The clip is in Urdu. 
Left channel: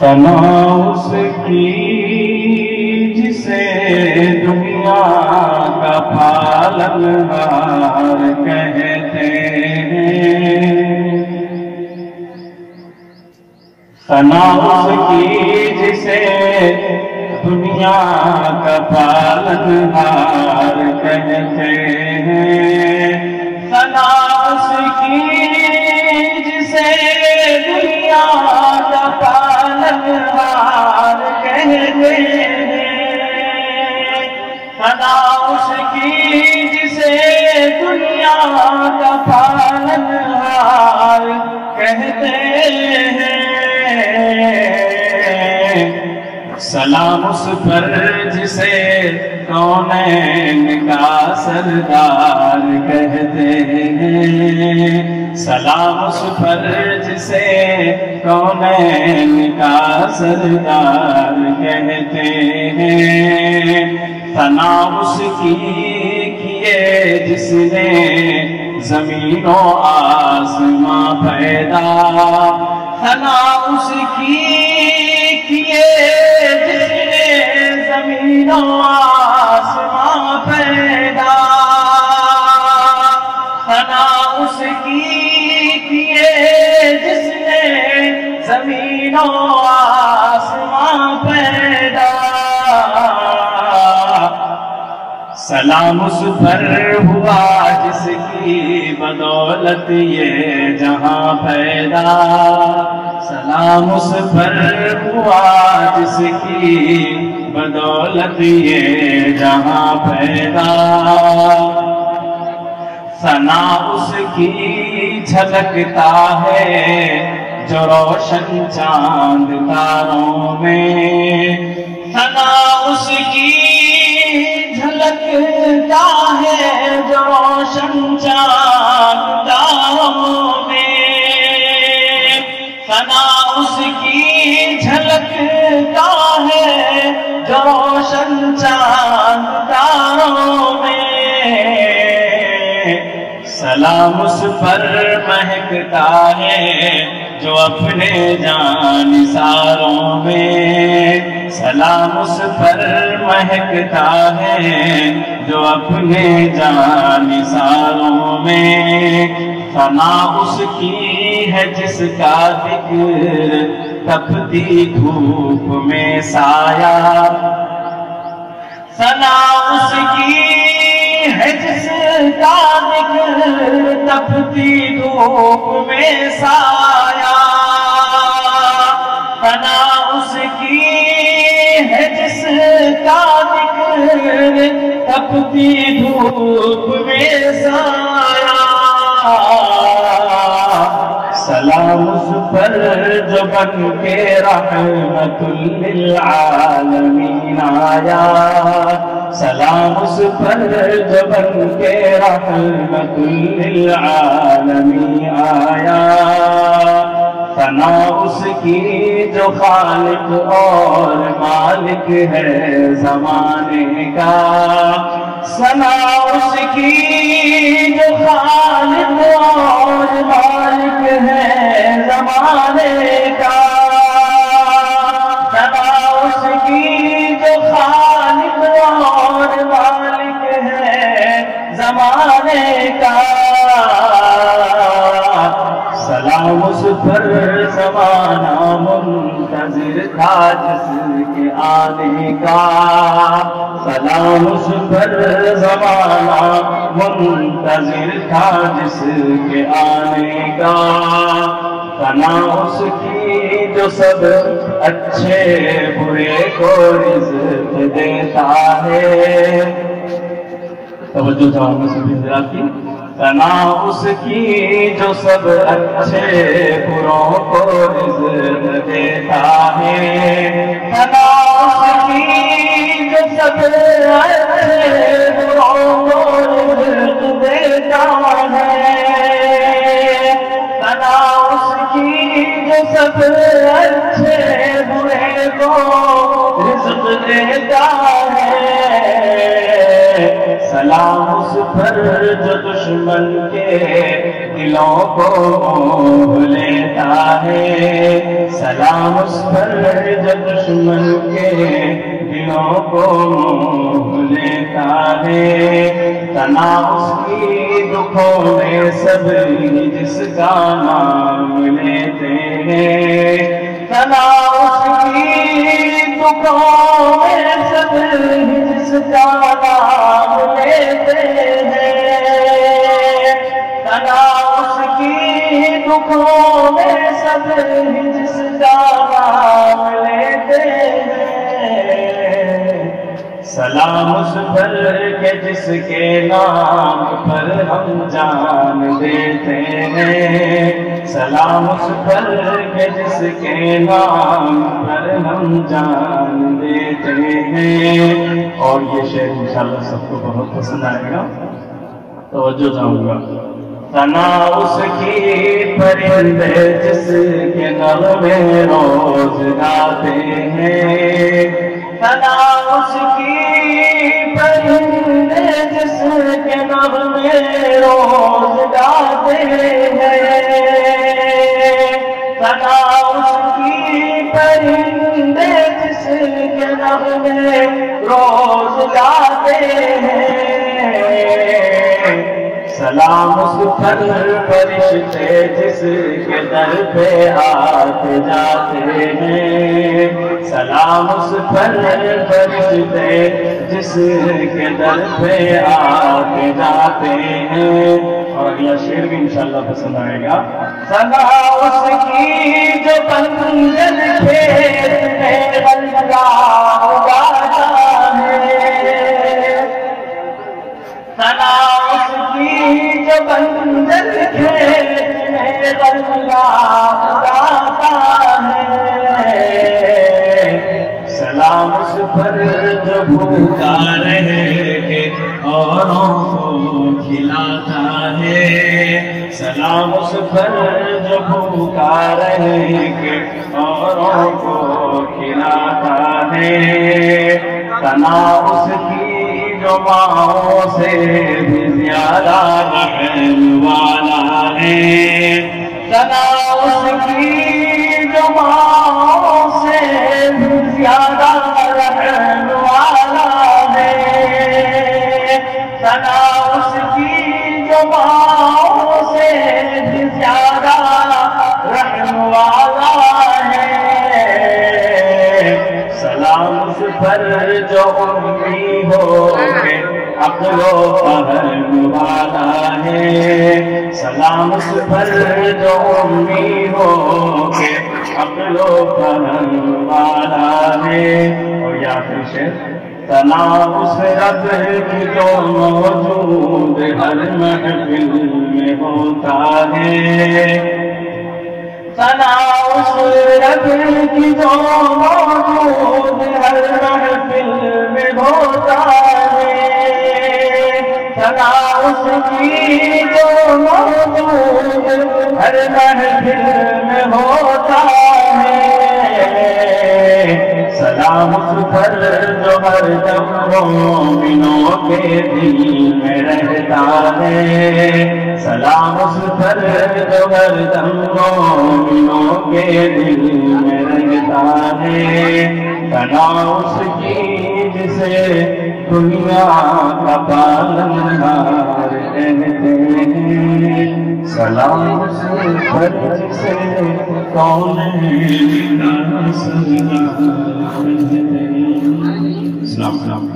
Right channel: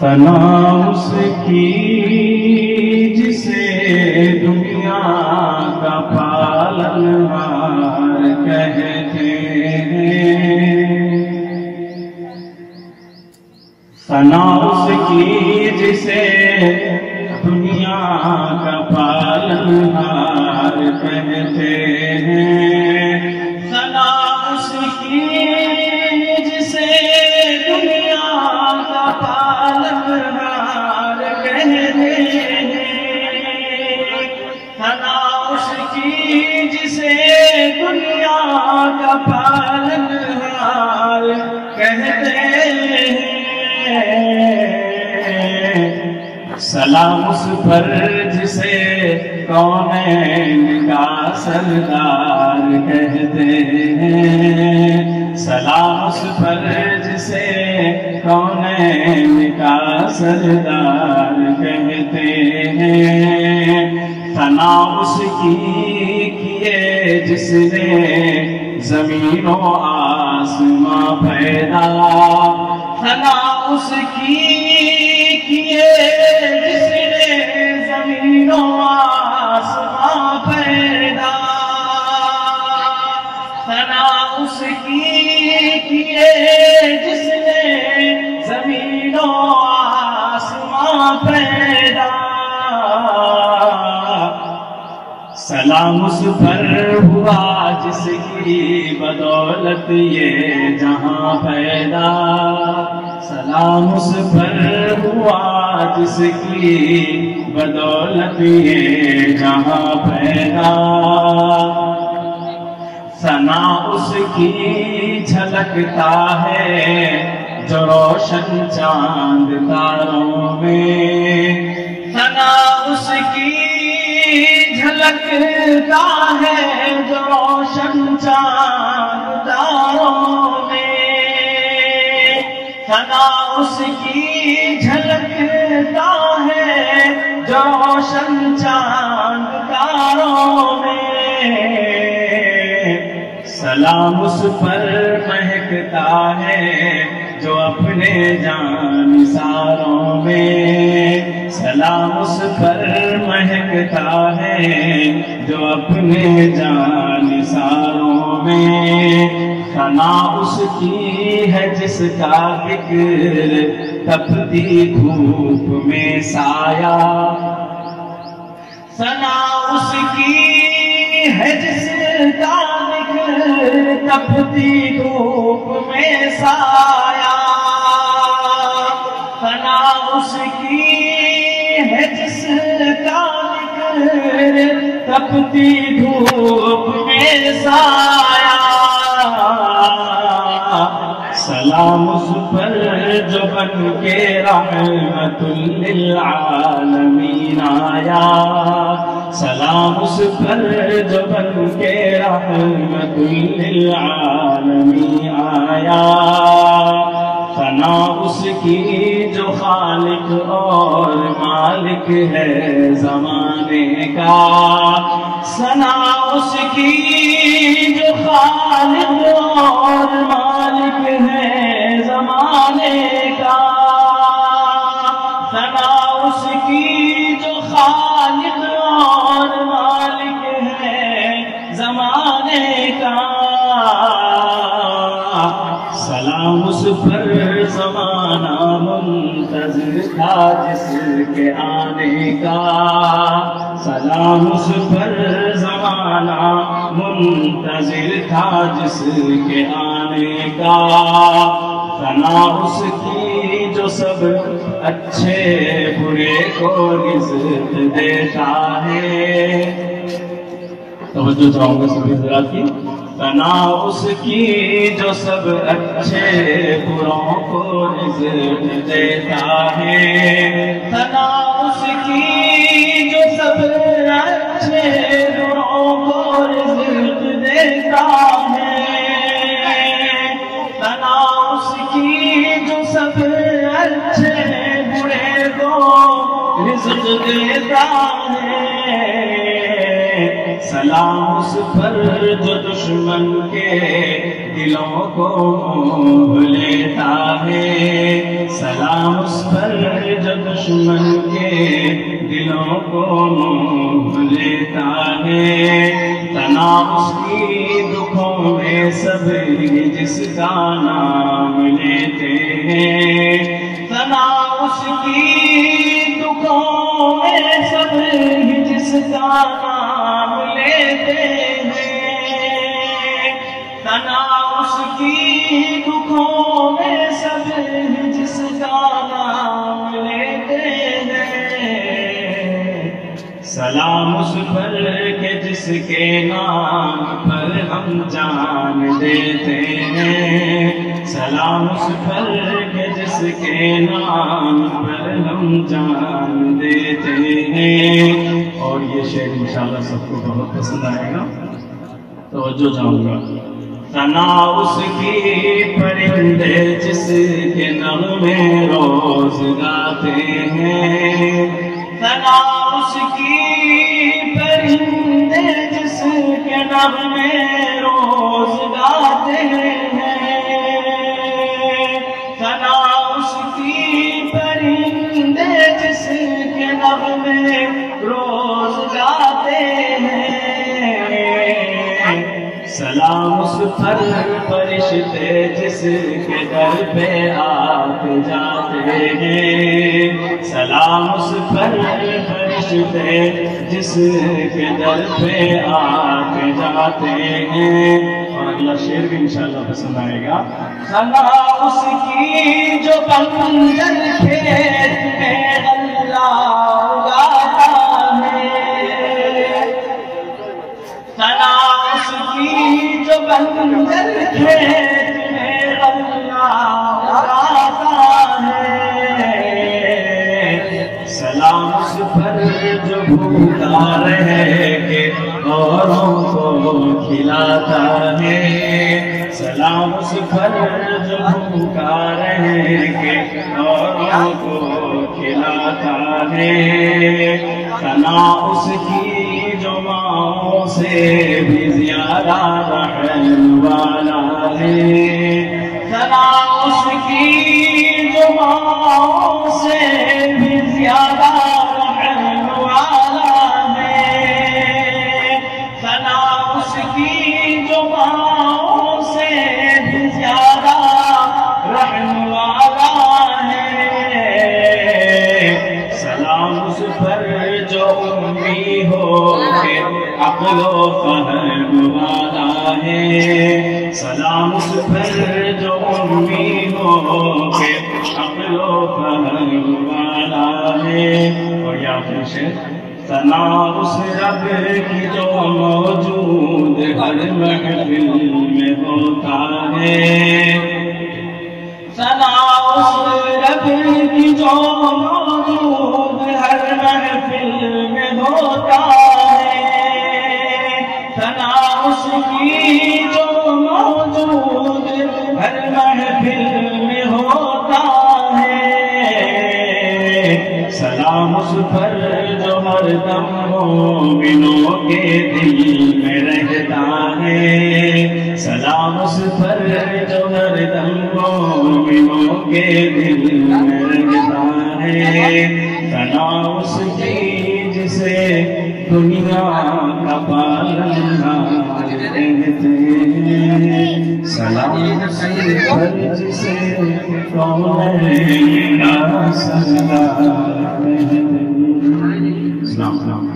ثنا اس کی جسے دنیا کا پالنہار کہتے ہیں، ثنا اس کی جسے دنیا کا پالنہار کہتے ہیں، ثنا اس کی جسے دنیا کا پالنہار کہتے ہیں، ثنا اس کی جسے دنیا کا پالنہار کہتے ہیں۔ سلام اس پر جسے کونین کا سردار کہتے ہیں، سلام اس پر جسے کونین کا سردار کہتے ہیں، ثنا اس کی کیے جس نے زمین و آسماں پیدا، ثنا اس کی کیے جس نے زمین و آسماں پیدا، ثنا اس کی کیے جس نے زمین و آسماں پیدا، سلام اس پر ہوا جس کی بدولت یہ جہاں پیدا، سلام اس پر ہوا جس کی بدولت یہ جہاں پیدا، ثنا اس کی جھلکتا ہے جو روشن چاند تاروں میں، ثنا اس کی جھلکتا ہے جو روشن چاند تاروں میں، ثنا اس کی جھلکتا ہے جو روشن چاند تاروں میں، سلام اس پر مہکتا ہے جو اپنے جانثاروں میں، سلام اس پر مہکتا ہے جو اپنے جانثاروں میں، ثنا اس کی ہے جس کا ذکر تپتی دھوپ میں سایہ، ثنا اس کی ہے جس کا ذکر تپتی دھوپ میں سایہ، ثنا اس کی ہے جس کا ذکر تپتی دھوپ میں سایہ، سلام اس پر جو بن کے رحمت للعالمین آیا، سلام اس پر جو بن کے رحمت للعالمین آیا، ثنا اس کی جو خالق اور مالک ہے زمانے کا، ثنا اس کی جو خالق اور مالک ہے زمانے کا، ثنا اس کی جو خالق اور مالک ہے زمانے کا، سلام اس پر زمانہ منتظر تھا جس کے آنے کا، سلام اس پر زمانہ منتظر تھا جس کے آنے کا، ثنا اس کی جو سب اچھے برے کو رزق دیتا ہے، توجہ چاہوں گا سبھی ذرا کی، ثنا اس کی جو سب اچھے بروں کو رزق دیتا ہے، ثنا اس کی جو سب اچھے بروں کو رزق دیتا ہے، ثنا اس کی جو سب اچھے برے کو رزق دیتا ہے، سلام اس پر جو دشمن کے دلوں کو موہ لیتا ہے، سلام اس پر جو دشمن کے دلوں کو موہ لیتا ہے، تنا اس کی دکھوں میں سب جس کا نام لیتے ہیں، تنا اس کی دکھوں میں سب جس کا نام لیتے ہیں، تنا اس کی دکھوں میں سب جس کا نام لیتے ہیں، سلام اس پر کہ جس کے نام پر ہم جان دیتے ہیں، سلام اس پر کہ جس کے نام پر ہم جان دیتے ہیں۔ اور یہ شعر انشاءاللہ سب کو بہت پسند آئے گا، توجہ چاہوں گا۔ ثنا اس کی پرندے جس کے نغمے روز گاتے ہیں، ثنا اس کی پرندے جس کے نغمے روز گاتے ہیں، ثنا اس کی پرندے جس کے نغمے روز گاتے ہیں، سلام اس پر فرشتے جس کے در پہ آتے جاتے ہیں، سلام اس پر فرشتے جس کے در پہ آتے جاتے ہیں۔ اور اگلا شعر بھی انشاءاللہ پسند آئے گا۔ سلام اس کی جو بنجر کھیت میں غلہ اگاتا ہے، سلام اس کی جو بنجر کھیت میں غلہ اگاتا ہے، سلام اس پر جو بھوکا رہ کے اوروں کو کھلاتا ہے، سلام اس پر جو بھوکا رہ کے اوروں کو کھلاتا ہے، ثنا اس کی جو ماؤں سے بھی زیادہ رحم والا ہے، ثنا اس کی جو ماؤں سے بھی زیادہ رحم والا ہے، ثنا اس کی جو ماؤں سے بھی زیادہ رحم والا ہے، سلام اس پر جو امی ہو کے عقل و فہم والا ہے، سلام اس پر جو امی ہو کے عقل و فہم والا ہے۔ اور یہ آخری شعر، ثنا اس رب کی جو موجود ہر محفل میں ہوتا ہے، ثنا اس رب کی جو موجود ہر محفل میں ہوتا ہے، ثنا اس کی جو موجود ہر محفل میں ہوتا ہے، سلام اس پر جو ہر دم مومنوں کے دل میں رہتا ہے، سلام اس پر جو ہر دم مومنوں کے دل میں رہتا ہے، ثنا اس کی جسے دنیا کا پالنہار کہتے ہیں، سلام اس پر جسے کونین کا سردار کہتے ہیں۔